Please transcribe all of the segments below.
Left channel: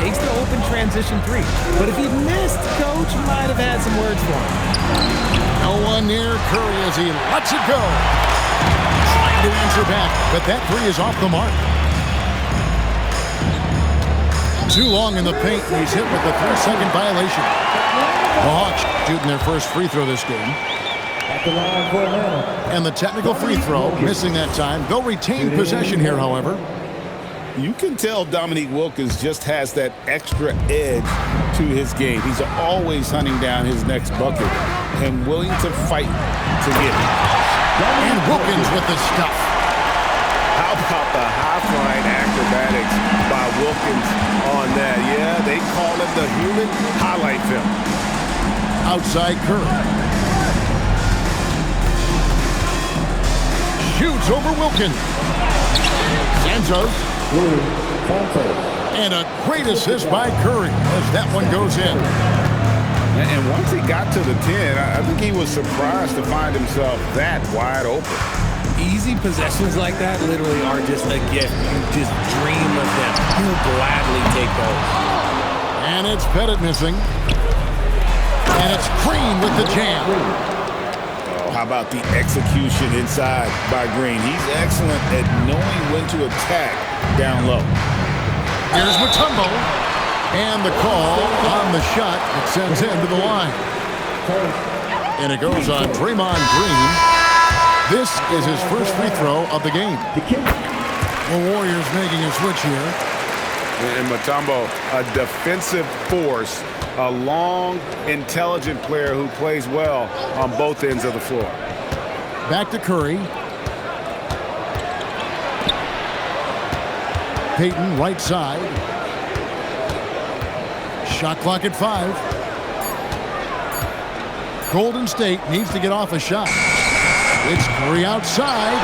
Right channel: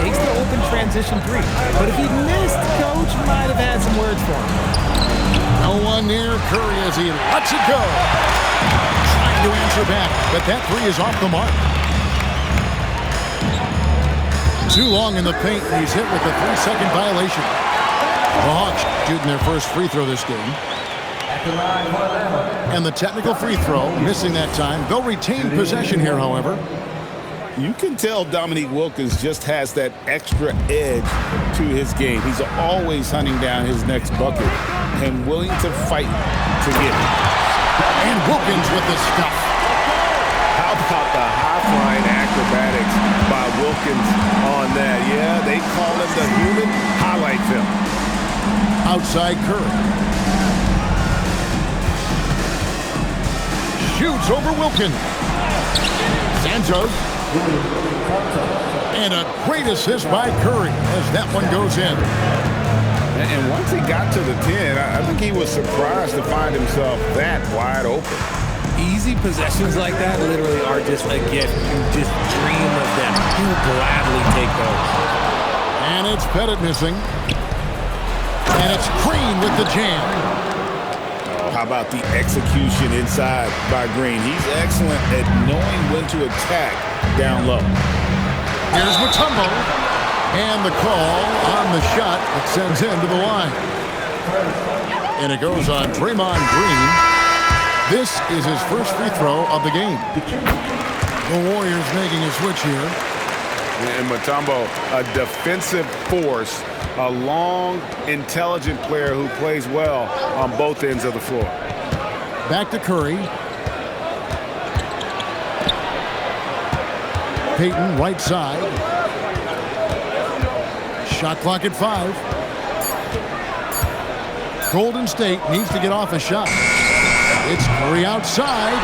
takes the open transition three. But if he missed, Coach might have had some words for him. No one near Curry as he lets it go. Trying to answer back, but that three is off the mark. Too long in the paint, and he's hit with a 3-second violation. The Hawks shooting their first free throw this game. At the line for Atlanta. And the technical free throw, missing that time. They'll retain possession here, however. You can tell Dominique Wilkins just has that extra edge to his game. He's always hunting down his next bucket and willing to fight to get it. And Wilkins with the stuff. How about the high-flying acrobatics by Wilkins on that? Yeah, they call him the human highlight film. Outside Curry. Shoots over Wilkins. Santos. And a great assist by Curry as that one goes in. And once he got to the 10, I think he was surprised to find himself that wide open. Easy possessions like that literally are just a gift. You just dream of them. He'll gladly take those. And it's Pettit missing. And it's Green with the jam. Oh, how about the execution inside by Green? He's excellent at knowing when to attack down low. Here's Mutombo. And the call on the shot that sends him to the line. And it goes on Draymond Green. This is his first free throw of the game. The Warriors making a switch here. And Mutombo, a defensive force, a long, intelligent player who plays well on both ends of the floor. Back to Curry. Payton, right side. Shot clock at 5. Golden State needs to get off a shot. It's Curry outside.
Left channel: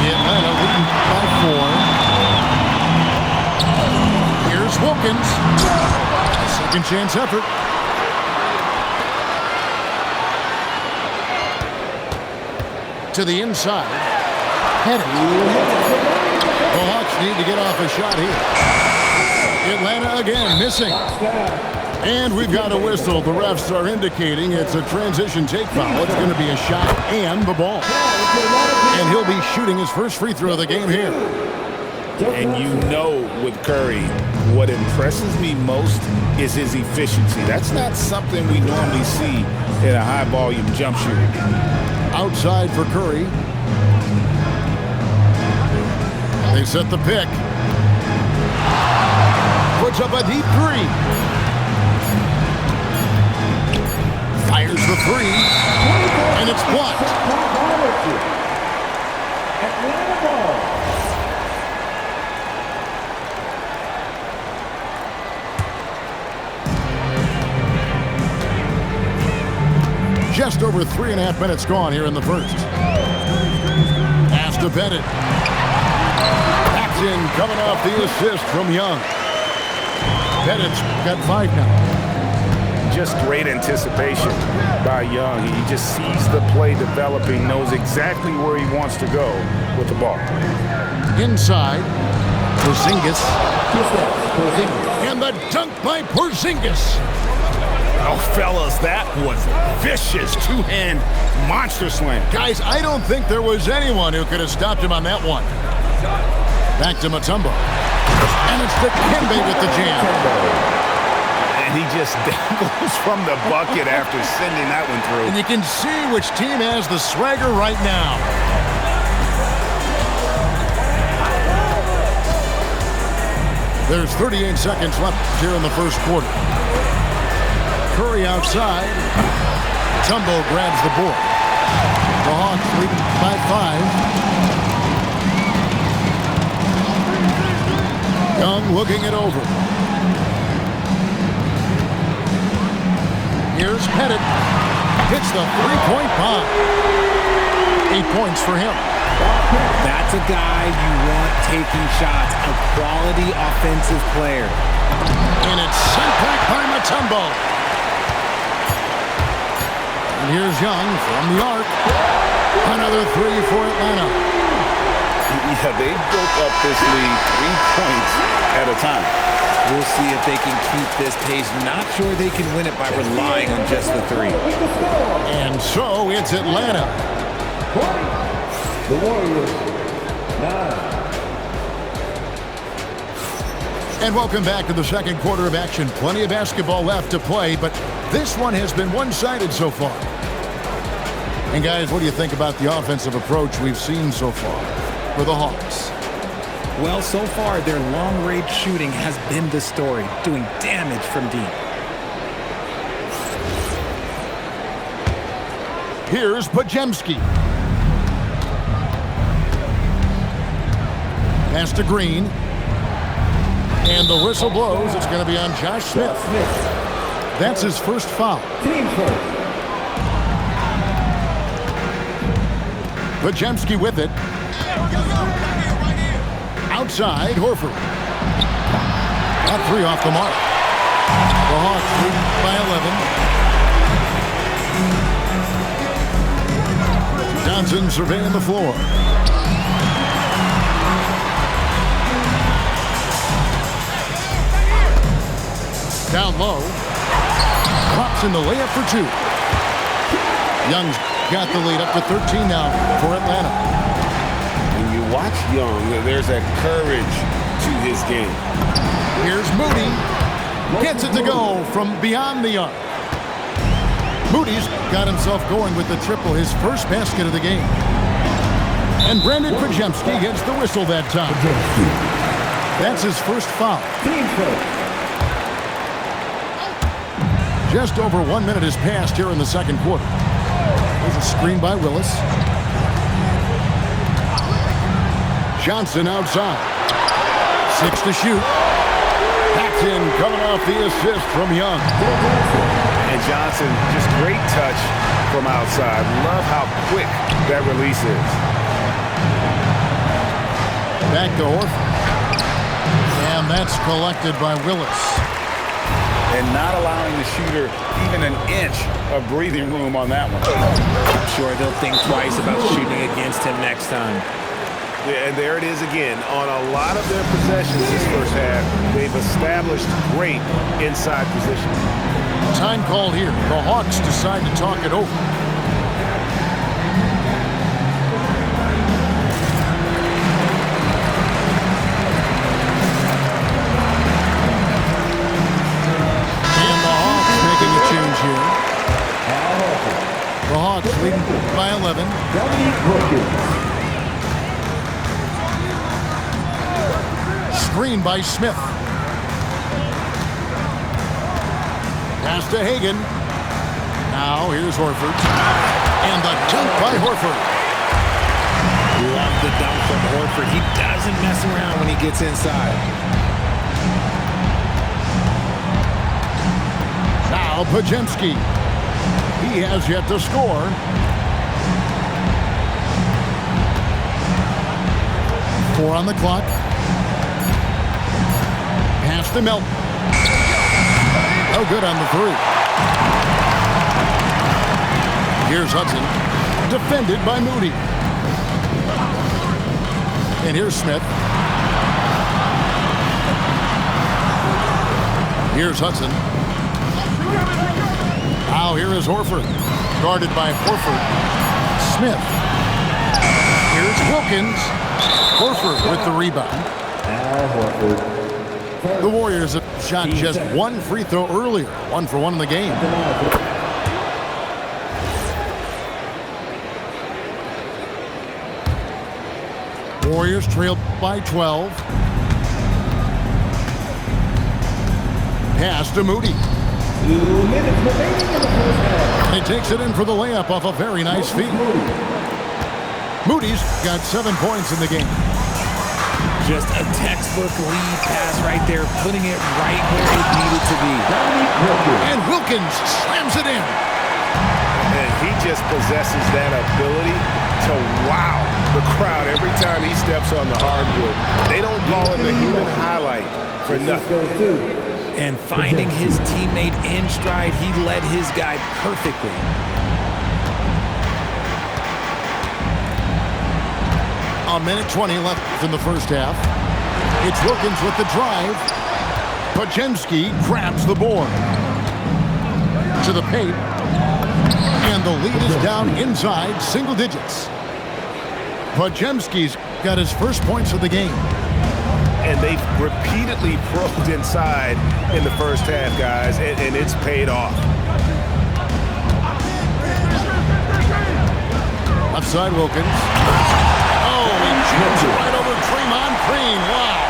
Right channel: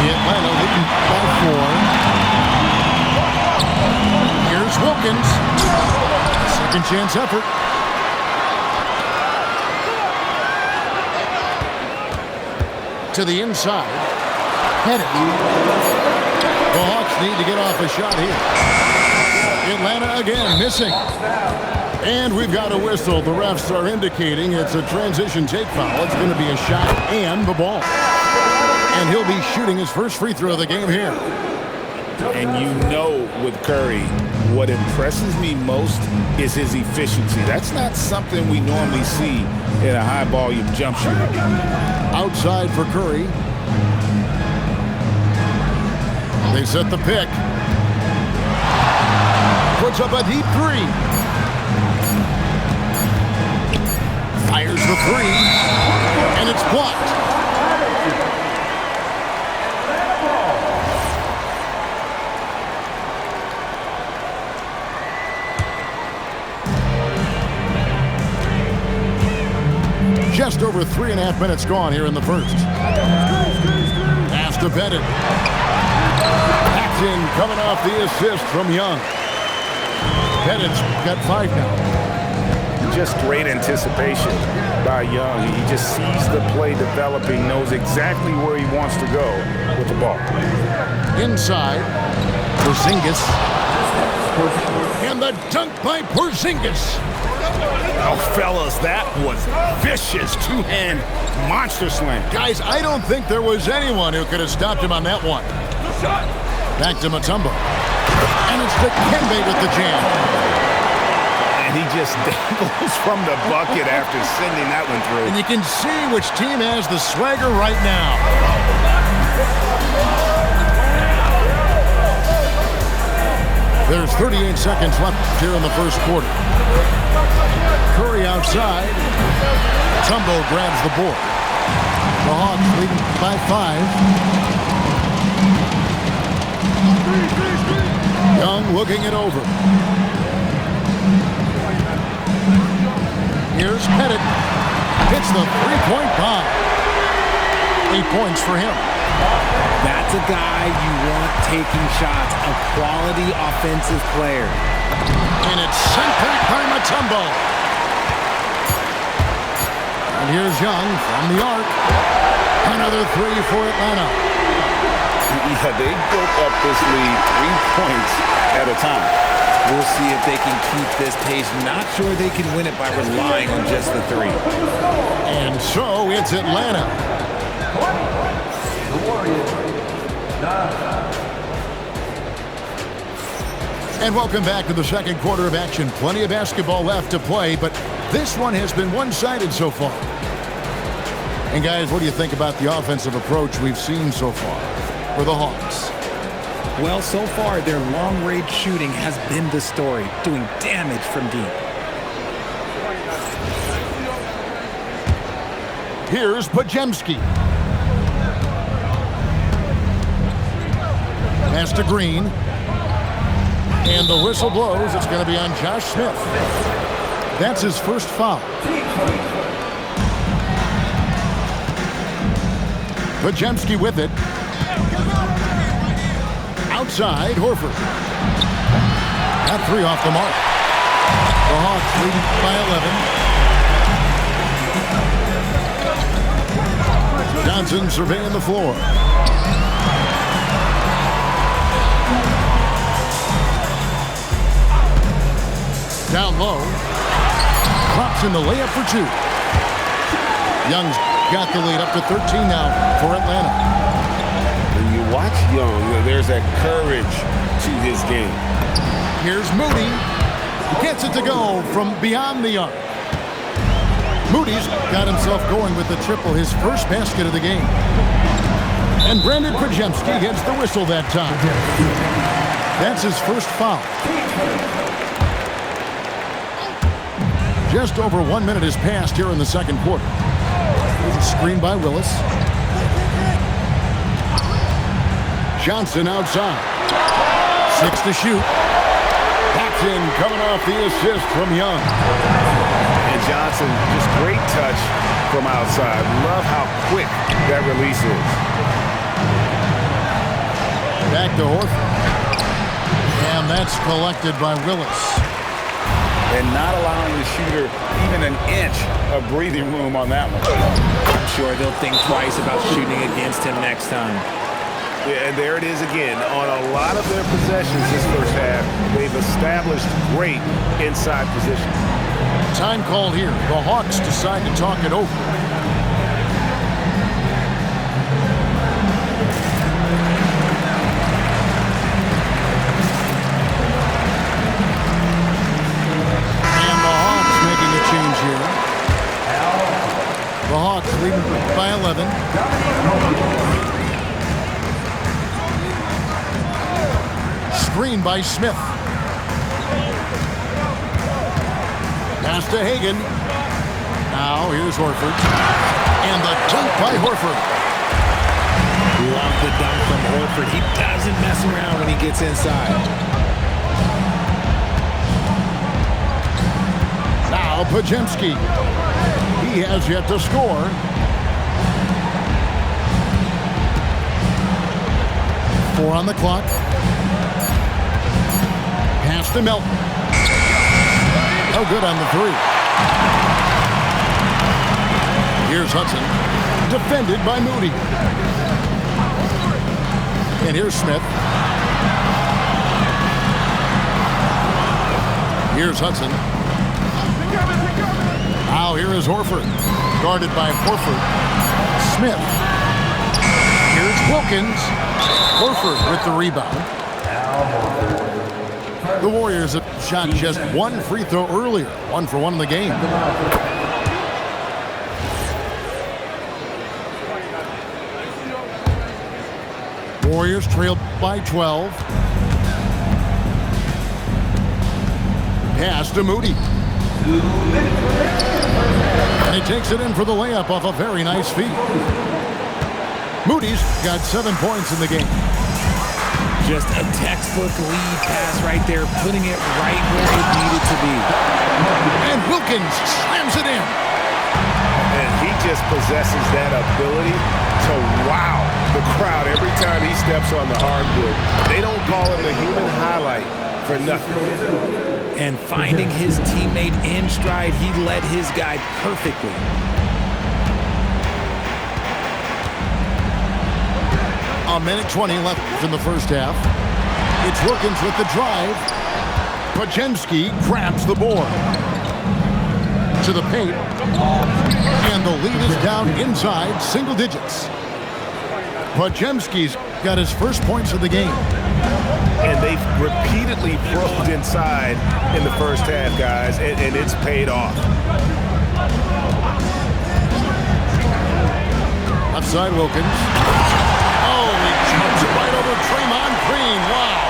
The Atlanta leading by 4. Here's Wilkins. Second chance effort. To the inside. Pettit. The Hawks need to get off a shot here. Atlanta again missing. And we've got a whistle. The refs are indicating it's a transition take foul. It's going to be a shot and the ball. And he'll be shooting his first free throw of the game here. And you know with Curry, what impresses me most is his efficiency. That's not something we normally see in a high-volume jump shooter. Outside for Curry. They set the pick. Puts up a deep three. Fires the three. And it's blocked. Just over 3.5 minutes gone here in the first. Pass to Pettit. Paxton coming off the assist from Young. Pettit's got 5 now. Just great anticipation by Young. He just sees the play developing, knows exactly where he wants to go with the ball. Inside, Porzingis. And the dunk by Porzingis. Oh, fellas, that was vicious two-hand monster slam. Guys, I don't think there was anyone who could have stopped him on that one. Back to Mutombo. And it's Dikembe with the jam. And he just dangles from the bucket after sending that one through. And you can see which team has the swagger right now. There's 38 seconds left here in the first quarter. Curry outside. Mutombo grabs the board. The Hawks leading by 5. Young looking it over. Here's Pettit. Hits the three-point bomb. 8 points for him. That's a guy you want taking shots, a quality offensive player. And it's sent back by Mutombo. And here's Young from the arc. Another three for Atlanta. Yeah, they built up this lead 3 points at a time. We'll see if they can keep this pace. Not sure they can win it by relying on just the 3. And so it's Atlanta. 20. The Warriors. 9. And welcome back to the second quarter of action. Plenty of basketball left to play, but this one has been one-sided so far. And guys, what do you think about the offensive approach we've seen so far for the Hawks? Well, so far, their long-range shooting has been the story, doing damage from deep. Here's Podziemski. Pass to Green. And the whistle blows. It's going to be on Josh Smith. That's his first foul. Team first. Podziemski with it. Outside, Horford. That 3 off the mark. The Hawks leading by 11. Johnson surveying the floor. Down low. Drops in the layup for 2. Young's got the lead up to 13 now for Atlanta. When you watch Young, there's that courage to his game. Here's Moody. Gets it to go from beyond the arc. Moody's got himself going with the triple, his first basket of the game. And Brandon Podziemski gets the whistle that time. That's his first foul. Team first. Just over 1 minute has passed here in the second quarter. There's a screen by Willis. Johnson outside. 6 to shoot. That's in, coming off the assist from Young. And Johnson, just great touch from outside. Love how quick that release is. Back to Horford. And that's collected by Willis. And not allowing the shooter even an inch of breathing room on that one. I'm sure they'll think twice about shooting against him next time. Yeah, and there it is again. On a lot of their possessions this first half, they've established great inside position. Time called here. The Hawks decide to talk it over. Making a change here. The Hawks leading by 11. Screen by Smith. Pass to Hagan. Now here's Horford. And the dunk by Horford. Love the dunk from Horford. He doesn't mess around when he gets inside. Now Podziemski. He has yet to score. Four on the clock. Pass to Melton. No good on the 3. Here's Hudson. Defended by Moody. And here's Smith. Here's Hudson. Now here is Horford. Guarded by Horford. Smith. Here's Wilkins. Horford with the rebound. Al Horford. The Warriors have shot just one free throw earlier. 1 for 1 in the game. Warriors trailed by 12. Pass to Moody. 2 minutes remaining in the first half. And he takes it in for the layup off a very nice feed. Moody's got 7 points in the game. Just a textbook lead pass right there, putting it right where it needed to be. And Wilkins slams it in. And he just possesses that ability to wow the crowd every time he steps on the hardwood. They don't call him the human highlight for nothing. And finding his teammate in stride, he led his guy perfectly. A minute 20 left in the first half. It's Wilkins with the drive. Podziemski grabs the board. To the paint. And the lead is down inside single digits. Podziemski's got his first points of the game. And they've repeatedly probed inside in the first half, guys, and it's paid off. Left side, Wilkins. Oh, he jumps it right over Draymond Green. Wow.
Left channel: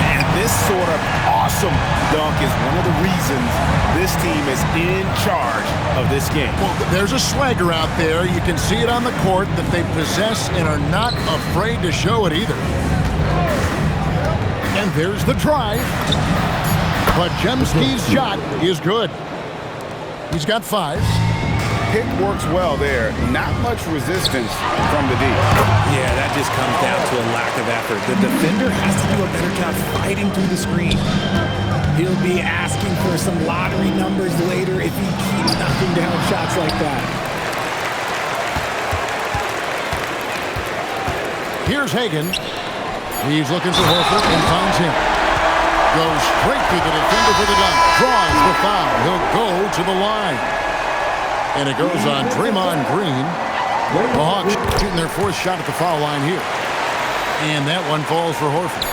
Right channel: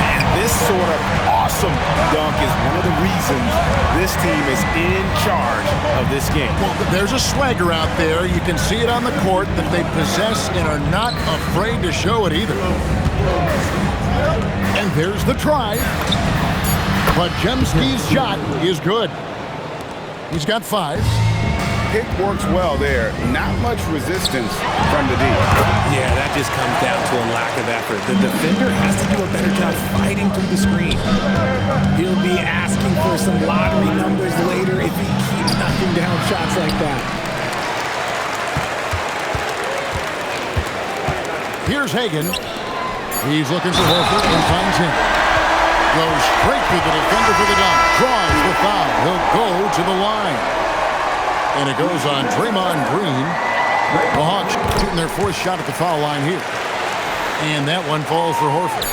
And this sort of awesome dunk is one of the reasons this team is in charge of this game. Well, there's a swagger out there. You can see it on the court that they possess and are not afraid to show it either. And there's the drive. Podziemski's shot is good. He's got 5. Pick works well there. Not much resistance from the D. Yeah, that just comes down to a lack of effort. The defender has to do a better job fighting through the screen. He'll be asking for some lottery numbers later if he keeps knocking down shots like that. Here's Hagan. He's looking for Horford and finds him. Goes straight through the defender for the dunk. Draws the foul. He'll go to the line. And it goes on Draymond Green. The Hawks shooting their 4th shot at the foul line here. And that one falls for Horford.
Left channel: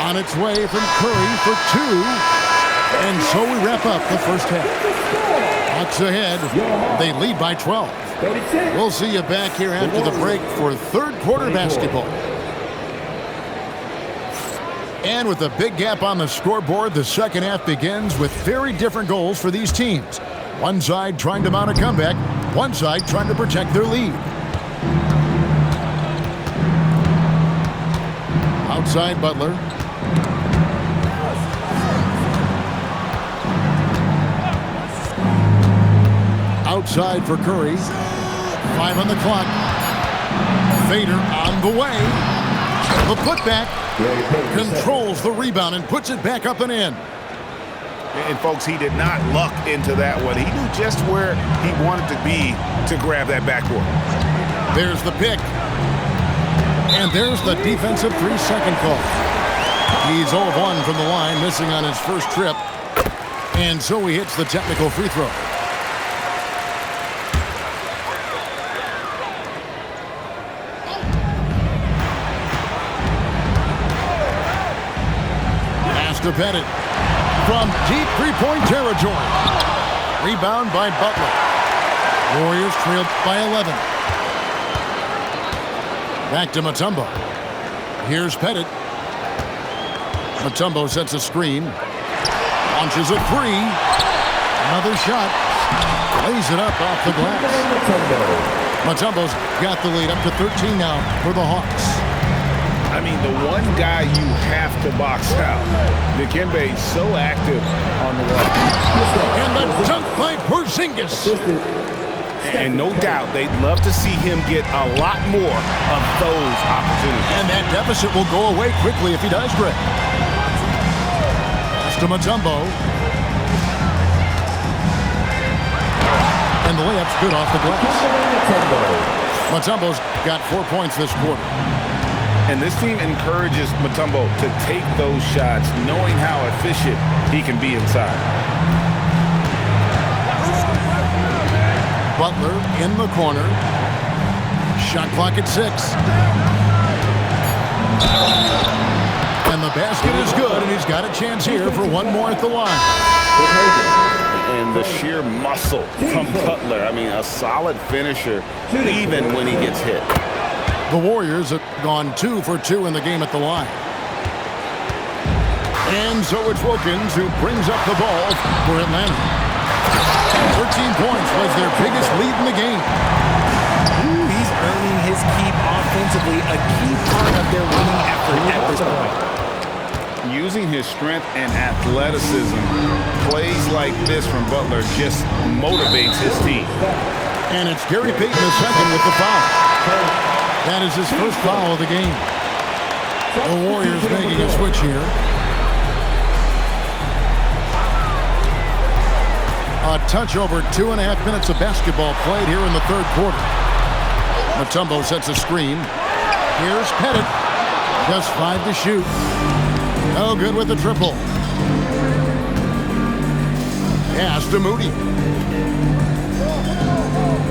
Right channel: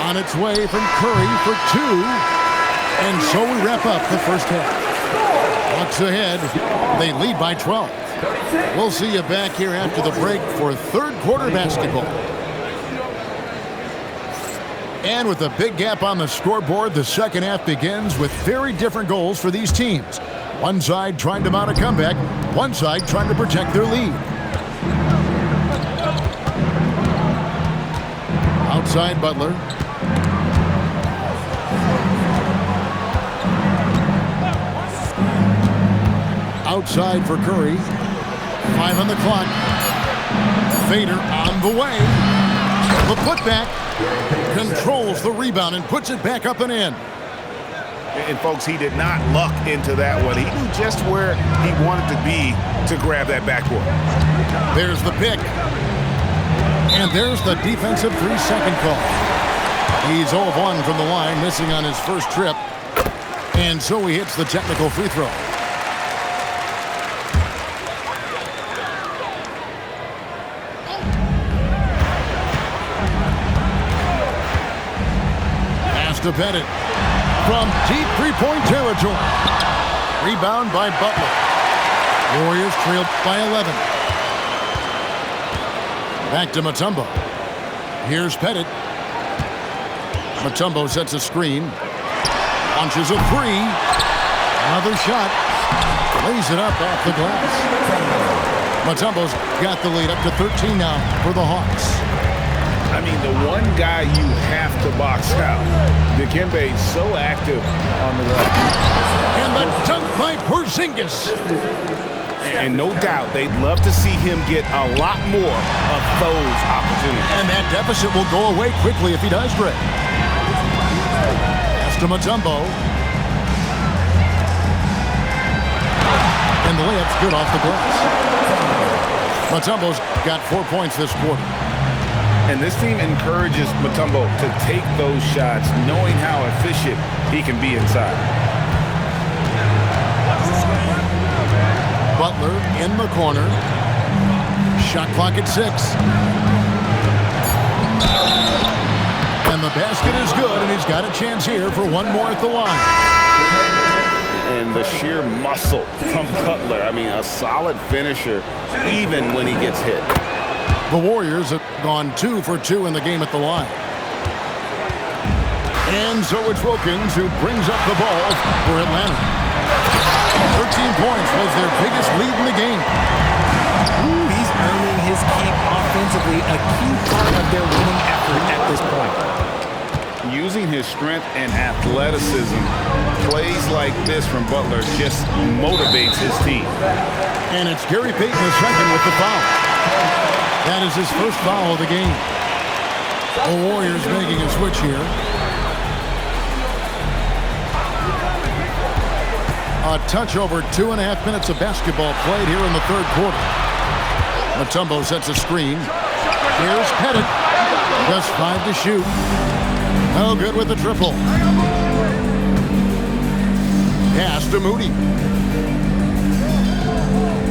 On its way from Curry for 2. And so we wrap up the first half. Hawks ahead. They lead by 12. We'll see you back here after the break for third quarter basketball. And with a big gap on the scoreboard, the second half begins with very different goals for these teams. One side trying to mount a comeback, one side trying to protect their lead. Outside Butler. Outside for Curry. 5 on the clock. Fader on the way. The putback. Controls the rebound and puts it back up and in. And folks, he did not luck into that one. He knew just where he wanted to be to grab that backboard. There's the pick. And there's the defensive 3-second call. He's 0 of 1 from the line, missing on his first trip. And so he hits the technical free throw. Pass to Pettit. From deep three-point territory. Rebound by Butler. Warriors trailed by 11. Back to Mutombo. Here's Pettit. Mutombo sets a screen. Launches a 3. Another shot. Lays it up off the glass. Mutombo's got the lead up to 13 now for the Hawks. I mean, the one guy you have to box out. Dikembe so active on the wall. And the dunk by Porzingis. And no doubt they'd love to see him get a lot more of those opportunities. And that deficit will go away quickly if he does, Greg. Pass to Mutombo. And the layup's good off the glass. Mutombo's got 4 points this quarter. And this team encourages Mutombo to take those shots, knowing how efficient he can be inside. Butler in the corner. Shot clock at 6. And the basket is good, and he's got a chance here for one more at the line. And the sheer muscle from Butler. I mean, a solid finisher, even when he gets hit. The Warriors have gone 2 for 2 in the game at the line. And so it's Wilkins who brings up the ball for Atlanta. 13 points was their biggest lead in the game. Ooh, he's earning his keep offensively, a key part of their winning effort at this point. Using his strength and athleticism, plays like this from Butler just motivates his team. And it's Gary Payton II with the foul. That is his first foul of the game. The Warriors making a switch here. A touch over 2.5 minutes of basketball played here in the third quarter. Mutombo sets a screen. Here's Pettit. Just 5 to shoot. No good with the triple. Pass to Moody.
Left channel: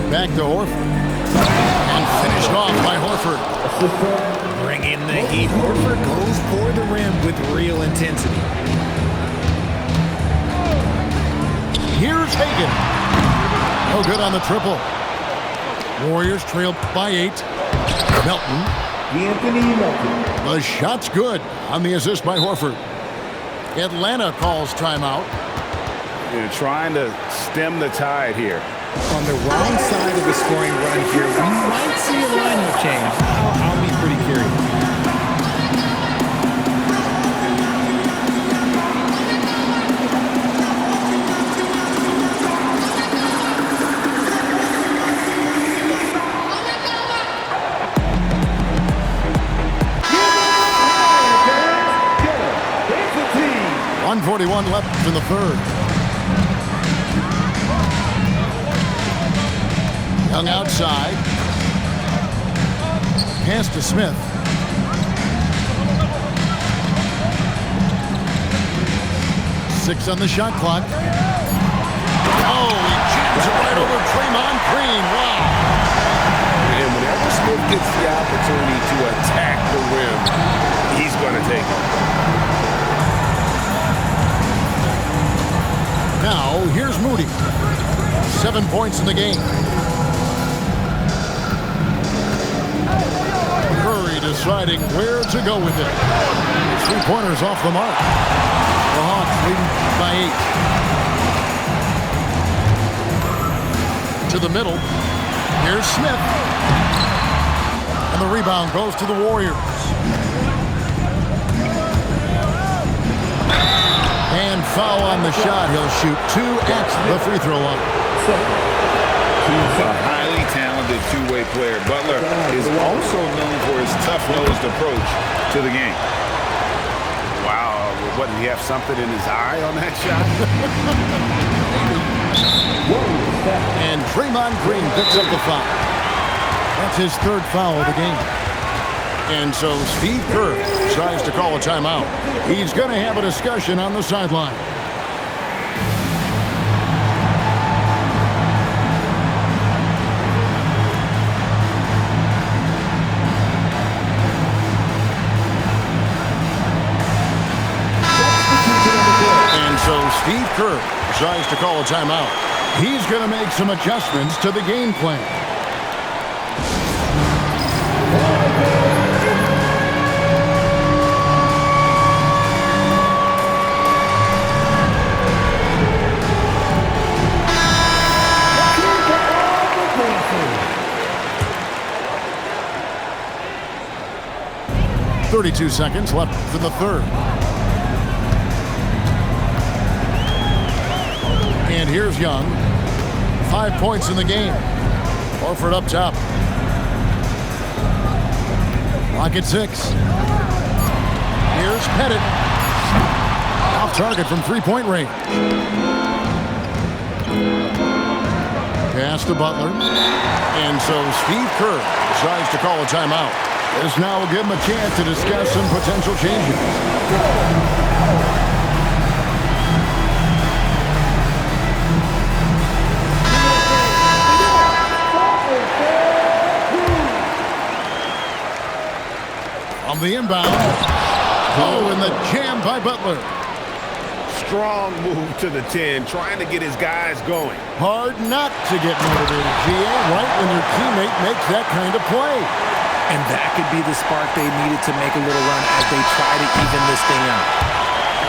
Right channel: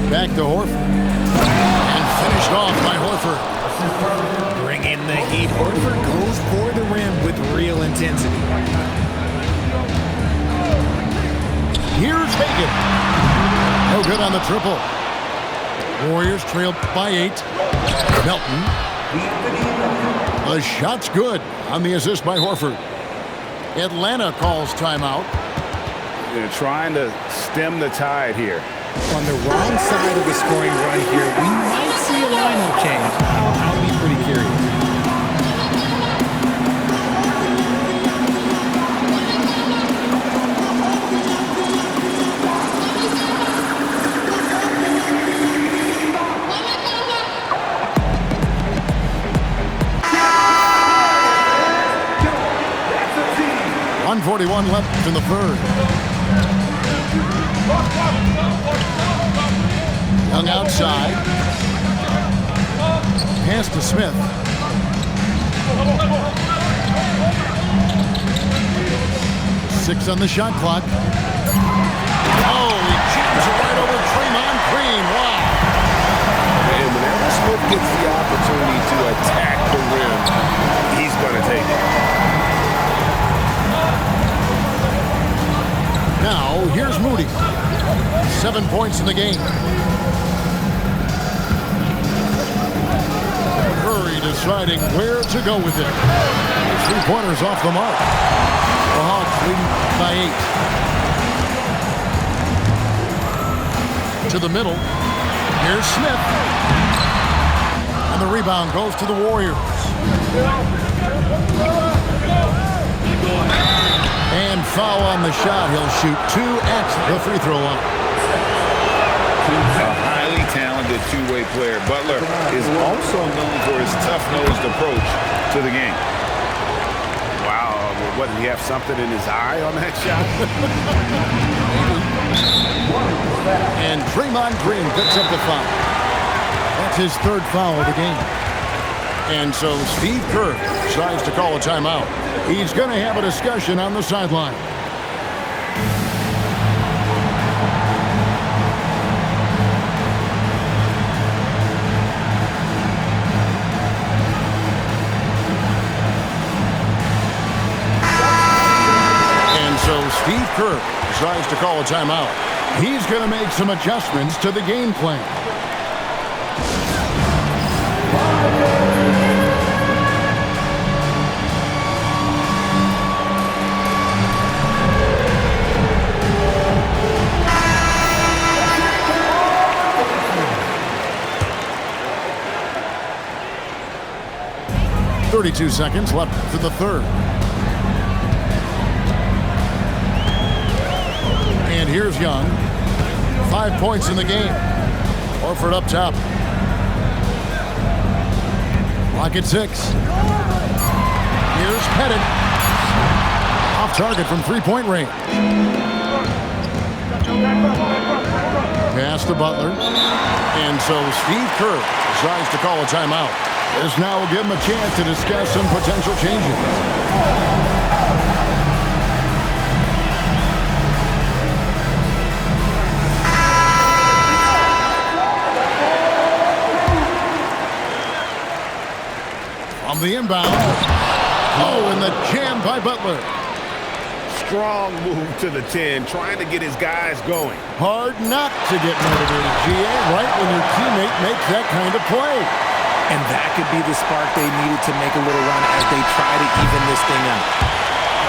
Back to Horford. And finished off by Horford. Bring in the heat. Horford goes for the rim with real intensity. Here's Hagan. No good on the triple. Warriors trail by 8. Melton. Anthony Melton. The shot's good on the assist by Horford. Atlanta calls timeout. They're trying to stem the tide here. On the wrong side of the scoring run here, we might see a lineup change. I'll be pretty curious. That's a team. 1:41 left in the third. Young outside. Pass to Smith. Six on the shot clock. Oh, he jams it right over Draymond Green. Wow. And whenever Smith gets the opportunity to attack the rim, he's going to take it. Now, here's Moody. 7 points in the game. Curry deciding where to go with it. His three-pointers off the mark. The Hawks leading by 8. To the middle. Here's Smith. And the rebound goes to the Warriors. And foul on the shot. He'll shoot 2 at the free throw line. A highly talented two-way player. Butler is also known for his tough-nosed approach to the game. Wow, what, did he have something in his eye on that shot? And Draymond Green picks up the foul. That's his 3rd foul of the game. And so Steve Kerr decides to call a timeout. He's going to have a discussion on the sideline. And so Steve Kerr decides to call a timeout. He's going to make some adjustments to the game plan. .32 seconds left in the third. And here's Young. 5 points in the game. Horford up top. Lock at 6. Here's Pettit. Off target from three-point range. Pass to Butler. And so Steve Kerr decides to call a timeout. This now will give him a chance to discuss some potential changes. On the inbound. Oh, and the jam by Butler. Strong move to the 10, trying to get his guys going. Hard not to get motivated, GA, right when your teammate makes that kind of play. And that could be the spark they needed to make a little run as they try to even this thing out.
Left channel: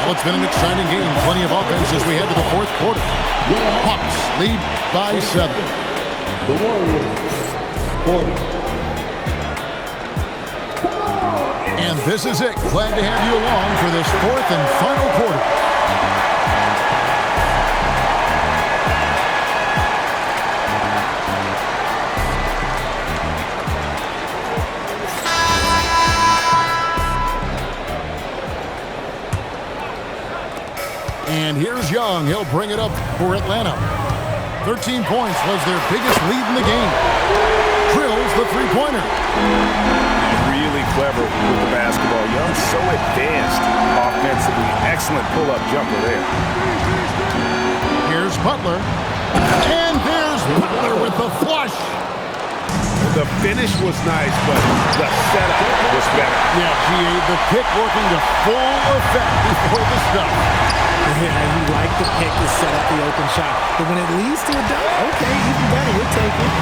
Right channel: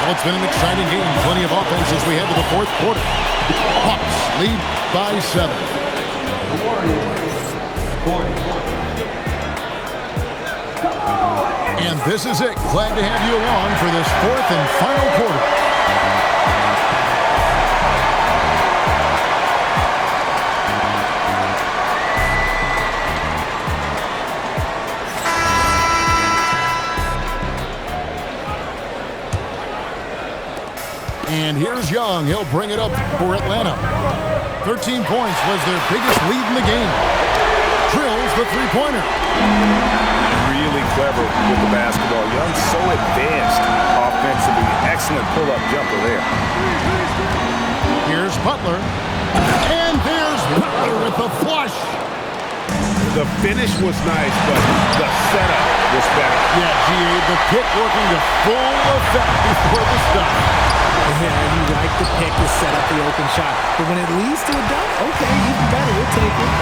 Well, it's been an exciting game. Plenty of offense as we head to the fourth quarter. Hawks lead by 7. The Warriors 40. And this is it. Glad to have you along for this fourth and final quarter. And here's Young. He'll bring it up for Atlanta. 13 points was their biggest lead in the game. Drills the three-pointer. really clever with the basketball. Young's so advanced offensively. Excellent pull-up jumper there. Here's Butler. And there's Butler with the flush. The finish was nice, but the setup was better. Yeah, GA, the pick working to full effect before the stop. Yeah, you like the pick to set up the open shot. But when it leads to a dunk, okay, even better. You'll take it.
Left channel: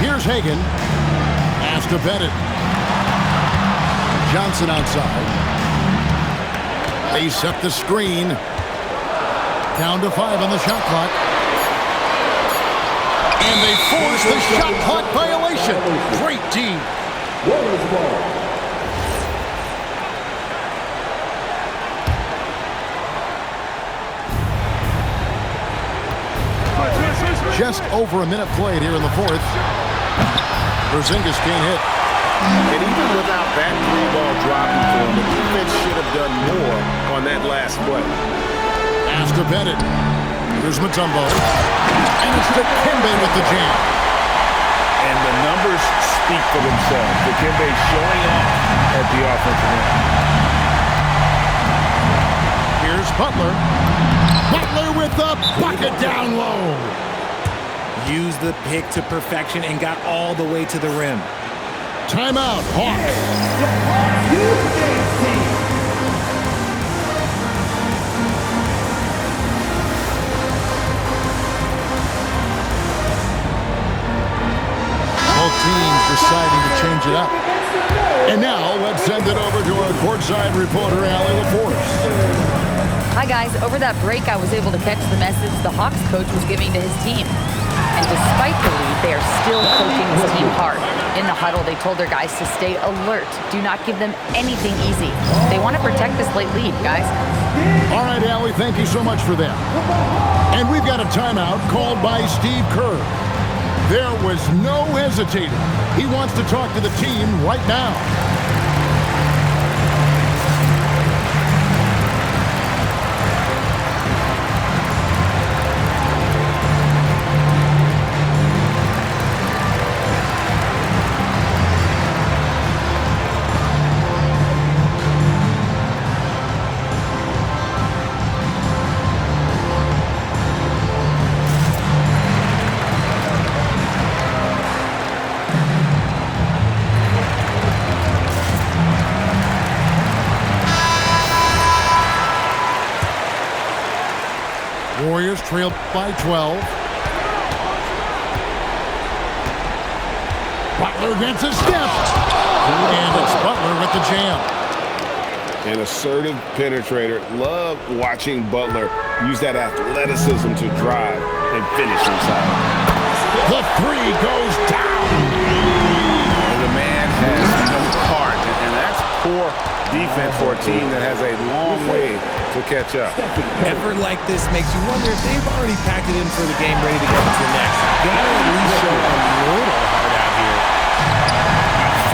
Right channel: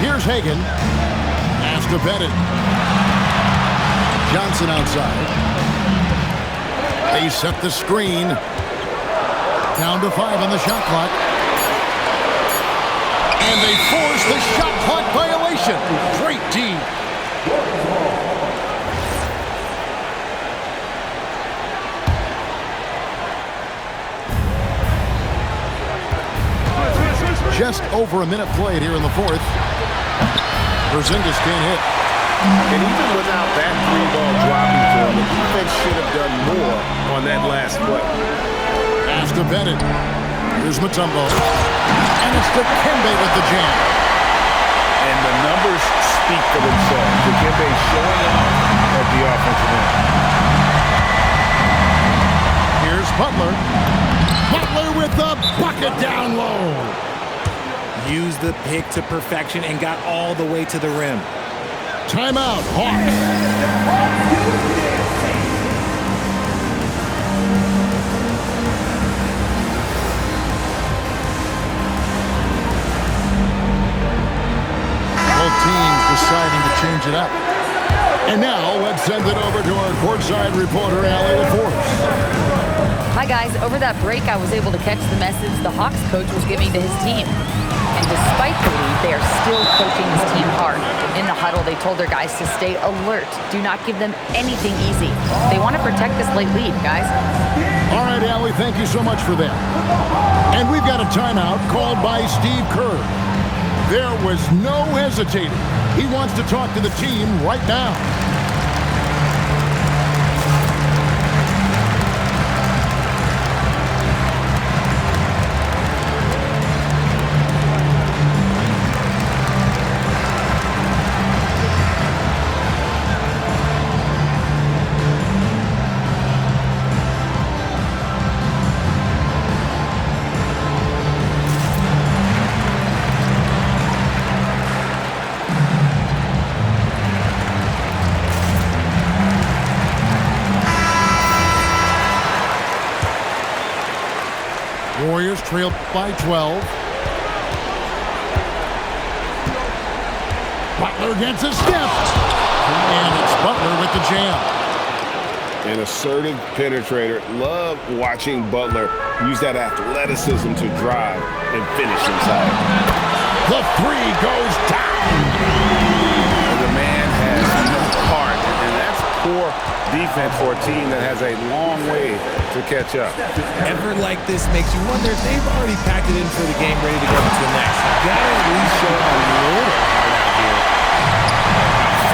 Here's Hagan. Has to bet it. Johnson outside. They set the screen. Down to 5 on the shot clock. And they force the shot clock violation. Great D. Warriors ball. Just over a minute played here in the fourth. Porzingis can't hit. And even without that three-ball dropping for him, the defense should have done more on that last play. Has to bet it. Here's Mutombo. And it's Dikembe with the jam. And the numbers speak for themselves. Dikembe showing off at the offensive end. Here's Butler. Butler with the bucket down low. Used the pick to perfection and got all the way to the rim. Timeout, Hawks. Both teams deciding to change it up. And now let's send it over to our courtside reporter, Allie LaForce. Hi, guys. Over that break, I was able to catch the message the Hawks coach was giving to his team. And despite the lead, they are still coaching this team hard. In the huddle, they told their guys to stay alert. Do not give them anything easy. They want to protect this late lead, guys. All right, Allie, thank you so much for that. And we've got a timeout called by Steve Kerr. There was no hesitating. He wants to talk to the team right now. Warriors trailed by 12. Butler gets a step. And it's Butler with the jam. An assertive penetrator. Love watching Butler use that athleticism to drive and finish inside. The three goes down. The man has no heart, and that's poor defense for a team that has a long way to catch up. Effort like this makes you wonder if they've already packed it in for the game, ready to go to the next. Gotta at least show a little heart out here.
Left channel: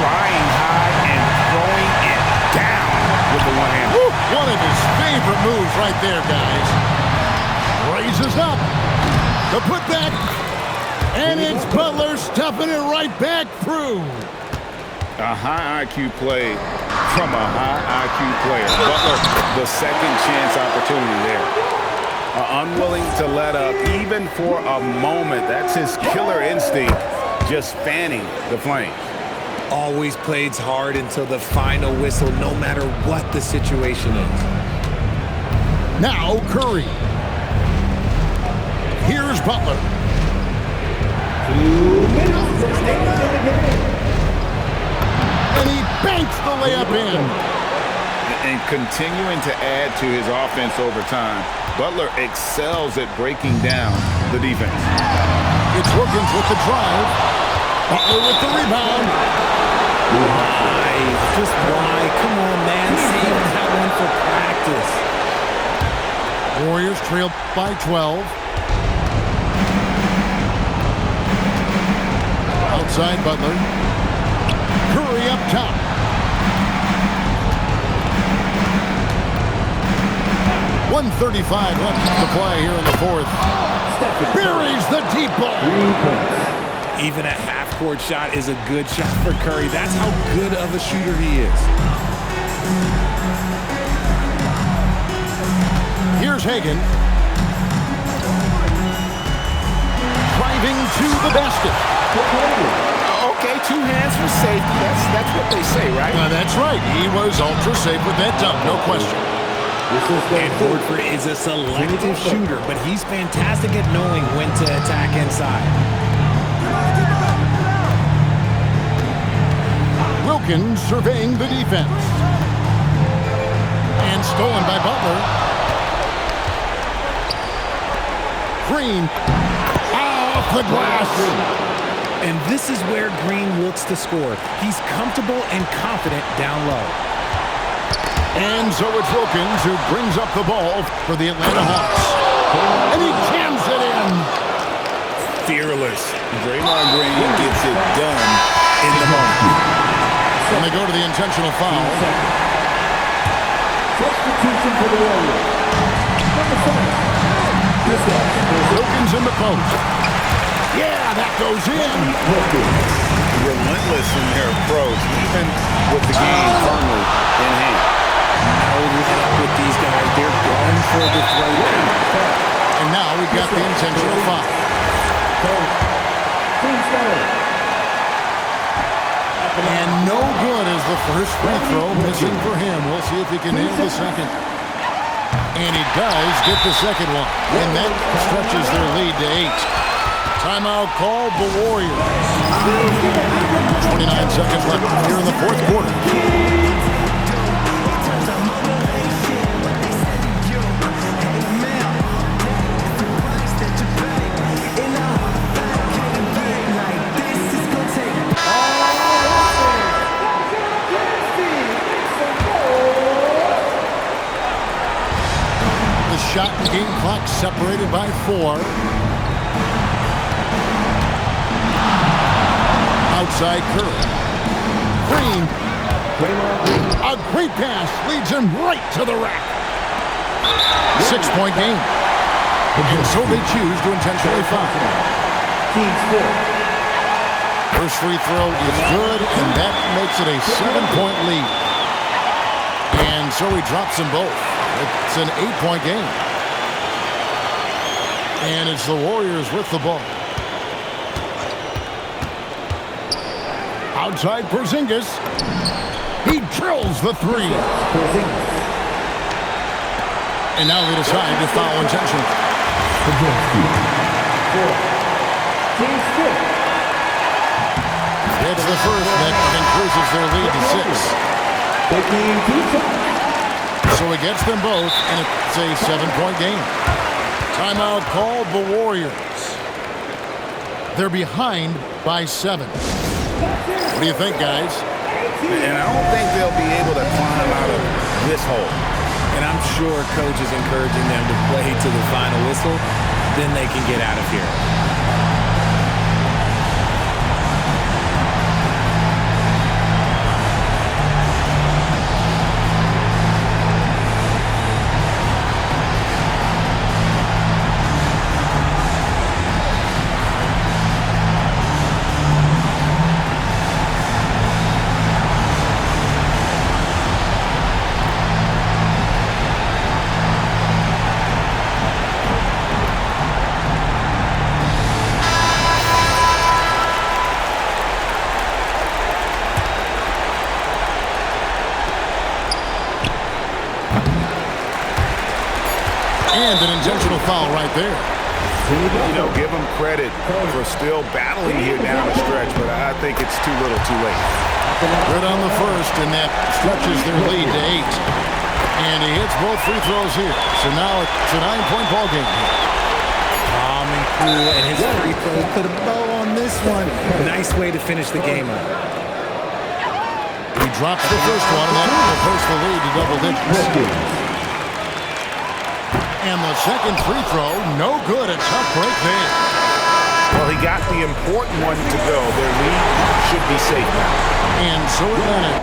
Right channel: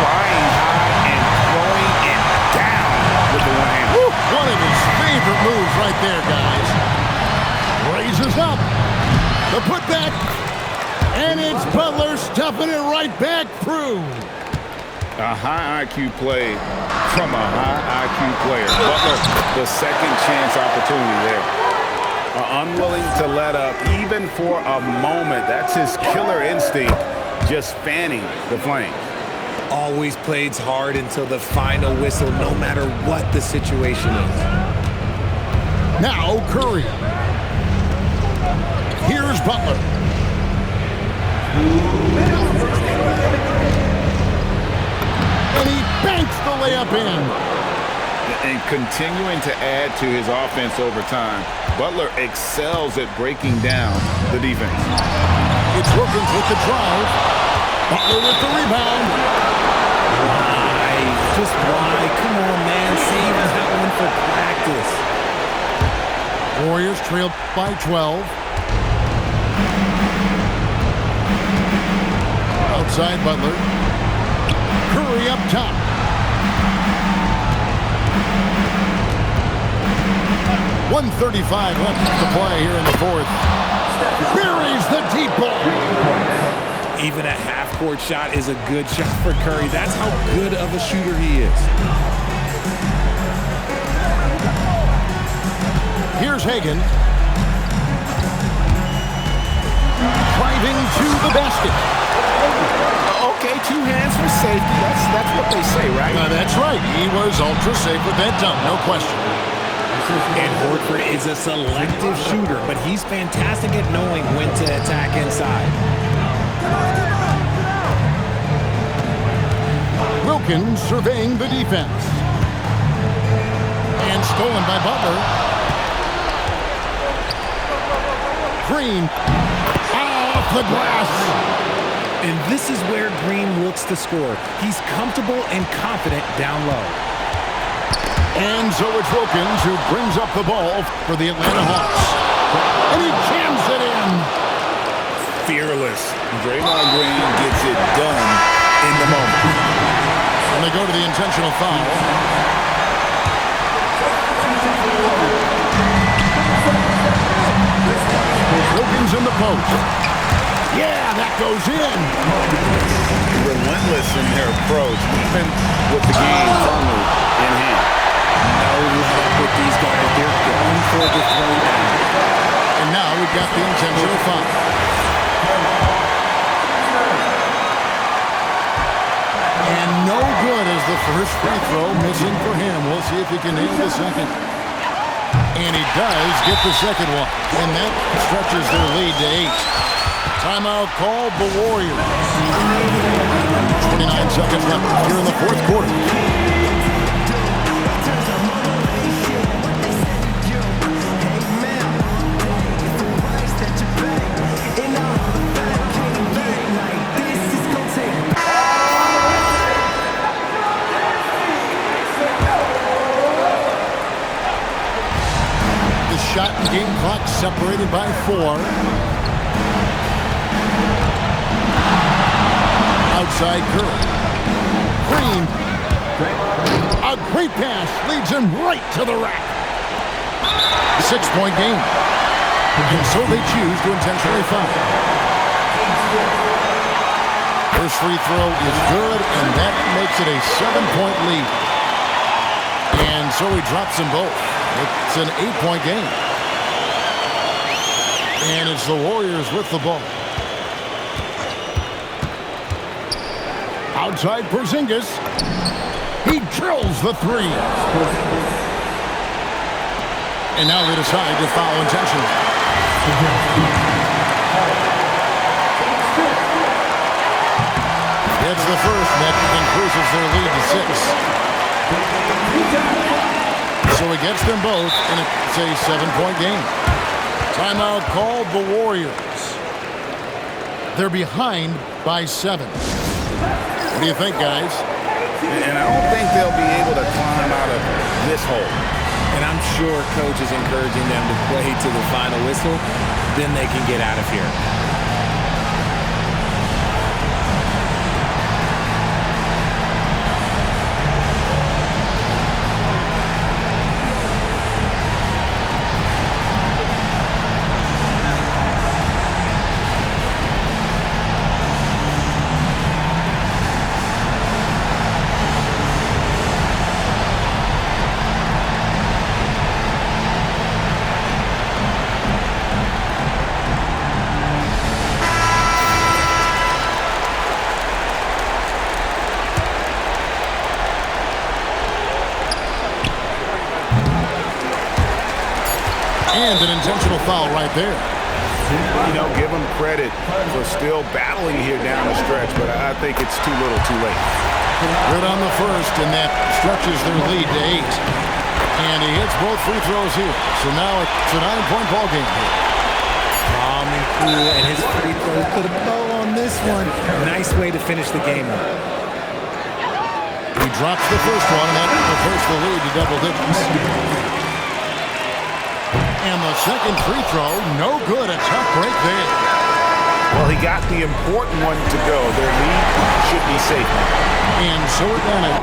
Flying high and throwing it down with the one hand. Woo! One of his favorite moves right there, guys. Raises up. The putback. And it's Butler stuffing it right back through. A high IQ play from a high IQ player. Butler, the second chance opportunity there. Unwilling to let up even for a moment. That's his killer instinct, just fanning the flames. Always plays hard until the final whistle, no matter what the situation is. Now Curry. Here's Butler. And he banks the layup in. And continuing to add to his offense over time, Butler excels at breaking down the defense. It's Wilkins with the drive. Butler with the rebound. Why? Just why? Come on, man. Save that one for practice. Warriors trail by 12. Outside Butler. Curry up top. .135 left to play here in the fourth. Buries the deep ball. Even a half-court shot is a good shot for Curry. That's how good of a shooter he is. Here's Hagan. Driving to the basket. Okay, 2 hands for safety. That's what they say, right? That's right. He was ultra safe with that dunk, no question. And Horford is a selective shooter, but he's fantastic at knowing when to attack inside. Wilkins surveying the defense. And stolen by Butler. Green off the glass. And this is where Green looks to score. He's comfortable and confident down low. And so it's Wilkins who brings up the ball for the Atlanta Hawks. And he jams it in. Fearless. Draymond Green gets it done in the moment. And they go to the intentional foul. Wilkins in the post. Yeah, that goes in. Relentless in their approach, even with the game firmly in hand. No let up with these guys. They're going for the throwdown. And now we've got the intentional foul. And no good as the first free throw missing for him. We'll see if he can nail the second. And he does get the second one. And that stretches their lead to 8. Timeout called the Warriors. 29 seconds left here in the fourth quarter. The shot and game clock separated by 4. Outside Curry. Green. A great pass leads him right to the rack. 6-point game. And so they choose to intentionally foul. First free throw is good, and that makes it a 7-point lead. And so he drops them both. It's an 8-point game. And it's the Warriors with the ball. Outside Porzingis. He drills the 3. And now they decide to foul intentionally. It's the first that increases their lead to 6. So he gets them both, and it's a 7-point game. Timeout called the Warriors. They're behind by 7. What do you think, guys? And I don't think they'll be able to climb out of this hole. And I'm sure coach is encouraging them to play to the final whistle. Then they can get out of here. And an intentional foul right there. You know, give them credit for still battling here down the stretch, but I think it's too little too late. Good on the first, and that stretches their lead to 8. And he hits both free throws here. So now it's a 9-point ball game here. Calm and cool, and his free throws put a bow on this one. Nice way to finish the game up. He drops the first one, and that will push the lead to double digits. And the second free throw, no good. A tough break there. Well, he got the important one to go. Their lead should be safe now. And so Atlanta